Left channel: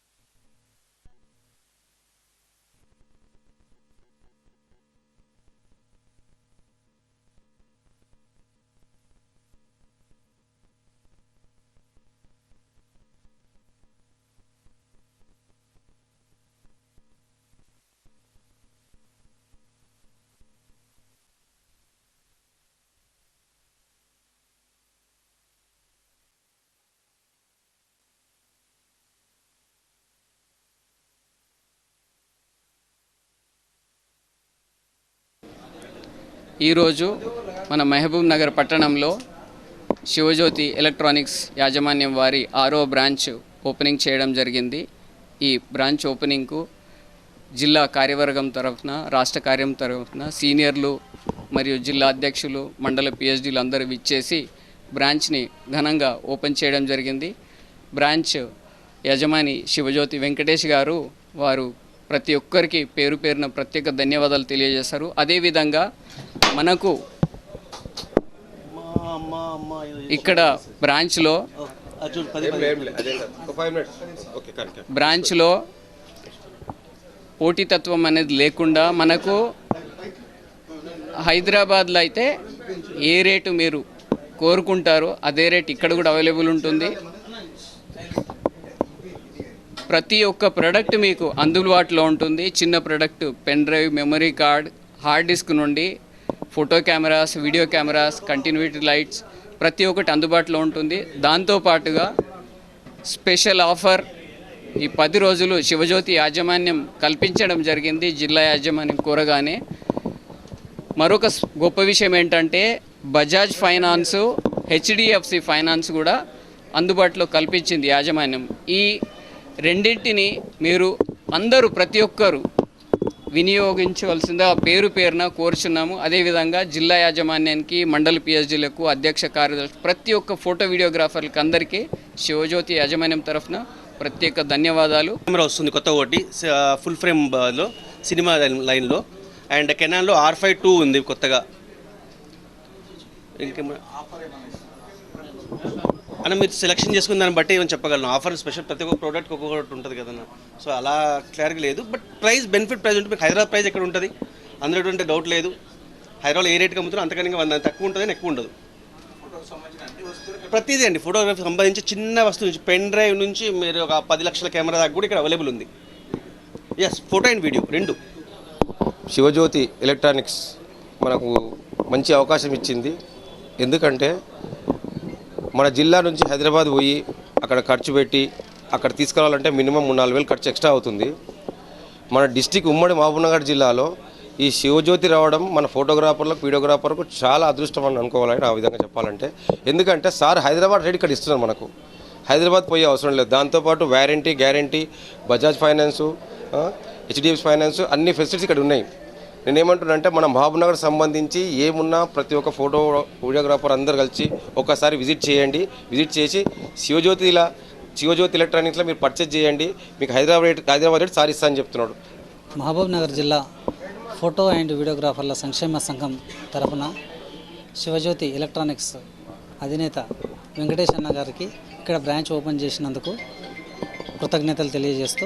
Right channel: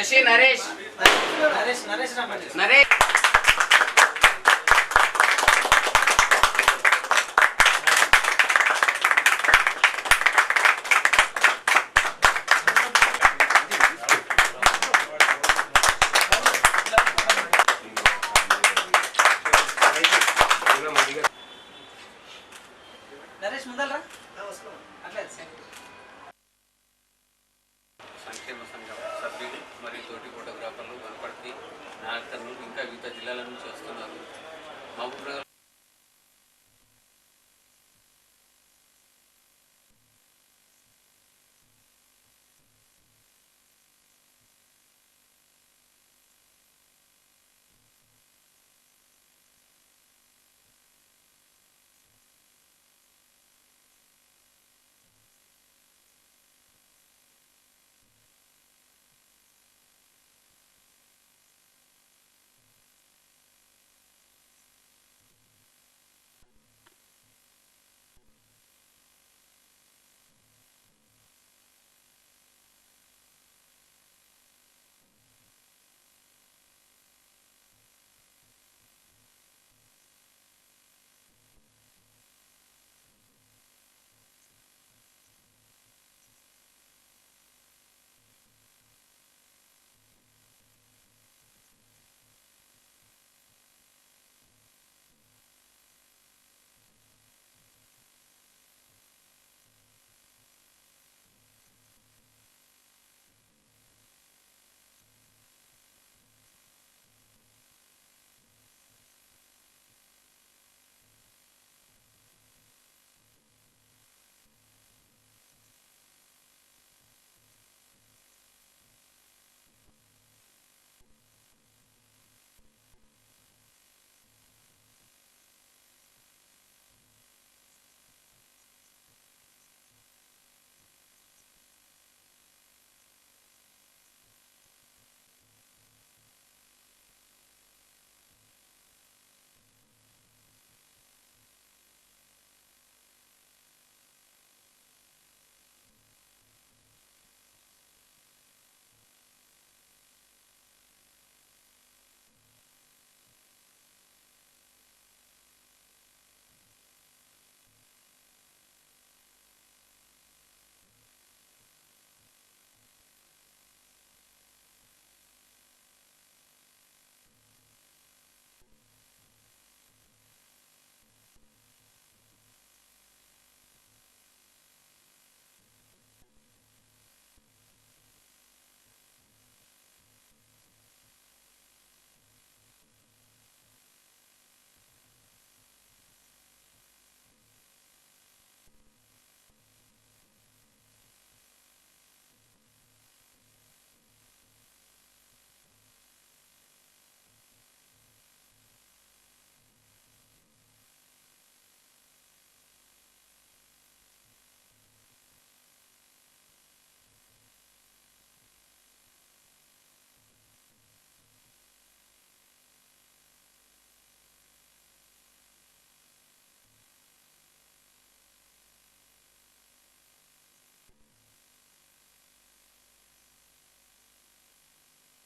దర్శి నరేష్ నరేష్ నరేష్ రమ్మండి నరేష్ నరేష్ ముందరా అట్లే సంక్షేమ ఈరోజు మన మహబూబ్ నగర్ పట్టణంలో శివజ్యోతి ఎలక్ట్రానిక్స్ యాజమాన్యం వారి ఆరో బ్రాంచ్ ఓపెనింగ్ చేయడం జరిగింది. ఈ బ్రాంచ్ ఓపెనింగ్కు జిల్లా కార్యవర్గం తరఫున రాష్ట్ర కార్యం తరఫున సీనియర్లు మరియు జిల్లా అధ్యక్షులు మండల పిహెచ్డీలు అందరూ విచ్చేసి బ్రాంచ్ని ఘనంగా ఓపెన్ చేయడం జరిగింది. బ్రాంచ్ యజమాని శివజ్యోతి వెంకటేష్ గారు వారు ప్రతి ఒక్కరికి పేరు పేరున ప్రత్యేక ధన్యవాదాలు తెలియజేశారు. అదేవిధంగా మనకు ఇక్కడ బ్రాంచ్లో బ్రాంచ్లో పోటీతత్వం అనేది లేకుండా మనకు హైదరాబాద్లో అయితే ఏ రేటు మీరు కోరుకుంటారో అదే రేట్ ఇక్కడ కూడా అవైలబుల్ ఉంటుంది. ప్రతి ఒక్క ప్రోడక్ట్ మీకు అందుబాటులో ఉంటుంది. చిన్న product pen drive memory card hard disk నుండి photo cameras video cameras continuity lights ప్రతి ఒక్కటి అందుబాటులో ఉంటుంది. దాంతోపాటుగా స్పెషల్ ఆఫర్ ఈ పది రోజులు శివజ్యోతి యాజమాన్యం కల్పించడం జరిగింది. జిల్లా యాజమాన్యం కోరగానే మరొక గొప్ప విషయం ఏంటంటే బజాజ్ ఫైనాన్సు హెచ్డిఎఫ్సి ఫైనాన్స్ కూడా అందుబాటులో కల్పించింది యాజమాన్యం. ఈ రెండింటిని మీరు అందరూ ప్రతి ఒక్కరు వినియోగించవలసిందిగా పేరు పేరున కోరుచున్నాము. అదేవిధంగా జిల్లా యాజమాన్యానికి మండల పిహెచ్డీలకు అధ్యక్ష కార్యదర్శి ప్రతి ఒక్క ఫోటో వీడియోగ్రాఫర్లకు అందరికీ శివజ్యోతి యాజమాన్యం తరఫున ప్రత్యేక ధన్యవాదాలు. కెమెరా వస్తుంది కొత్త ఒకటి ఫుల్ ఫ్రేమ్ బ- లో సినిమా లైన్- లైన్లో. అండ్ కెనాన్లో ఆర్ ఫైవ్ టూ ఉంది కొత్తగా. అన్న మీరు సెలెక్షన్ చేసుకున్న దాన్ని బట్టి ఏమైనా చెప్పగలను? ఆఫర్ స్పెషల్ ప్రతి ఒక్క ప్రోడక్ట్ ఒక్కొక్కటి ఉంటుంది కదన్న సో అలా క్లారిటీ లేదు. బట్ ప్రైస్ బెనిఫిట్ ప్రైస్ ఉంటుంది మీకు హైదరాబాద్ ప్రైస్ ఎక్కడ ఉంటుంది? అందులో ఎటువంటి డౌట్ లేదు. హైదరాబాద్ ఏ రేట్కి అమ్ముతున్నా అంతకన్నా వంద తక్కువ ఉంటుంది ఎక్కువ ఉండదు. ప్రతిదీ అండి. ఫోటోగ్రఫీ సంబంధించి చిన్న వస్తువు నుంచి పెన్ డ్రైవ్ నుంచి మీరు ఒక పది లక్షల కెమెరా దాకా కూడా ఇక్కడ అవైలబుల్ ఉంది. ఎస్ ఫోటో అండ్ వీడియో రెండు. శివజ్యోతి ఎలక్ట్రానిక్స్ మనకు మంచి అవకాశం ఇచ్చింది. ఎందుకంటే మన జిల్లా నుంచి హైదరాబాద్ పోయి అక్కడ ఖర్చు పెట్టి అక్కడ తీసుకురావాలంటే మినిమం మూడు నాలుగు వేలు ఖర్చు ఎక్స్ట్రా అవుతుంది. మన డిస్టిక్ ఉమ్మడి మహబూబ్నగర్ జిల్లాలో ఈ శివజ్యోతి రావడం మన ఫోటోగ్రాఫర్లకు వీడియోగ్రాఫర్కు చాలా అదృష్టం అని అనుకోవాలని ఆ విధంగా చెప్పాలంటే. ఎందుకంటే సార్ హైదరాబాద్ రేట్ ఇక్కడ ఇస్తున్నారు మనకు. హైదరాబాద్ పోయే అవసరం లేదు. దాంతోపాటు warranty guarantee Bajaj finance HDFC finance అన్ని ఫెసిలిటీస్ ఇక్కడ ఉన్నాయి. నేను ఏమంటున్నానంటే మన మహబూబ్నగర్ సంబంధించి ఏమున్నా ప్రతి ఒక్క ఫోటో వీడియోగ్రాఫర్ అందరు కలిసి ఒకసారి విజిట్ చేయండి. విజిట్ చేసి శివజ్యోతిలా శివజ్యోతి ఎలక్ట్రానిక్స్లో మీరు పర్చేజ్ చేయండి. మీకు హైదరాబాద్ రేట్ హైదరాబాద్ రేట్ సారిస్తా అని చెప్తున్నాడు. మహబూబ్నగర్ జిల్లా ఫోటో అండ్ వీడియోగ్రాఫర్ల సంక్షేమ సంఘం తరఫున శివజ్యోతి ఎలక్ట్రానిక్స్ అధినేత వెంకటేష్ అన్న గారికి ఇక్కడ బ్రాంచ్ ఓపెన్ చేసినందుకు కృతజ్ఞతలు తెలియజేస్తూ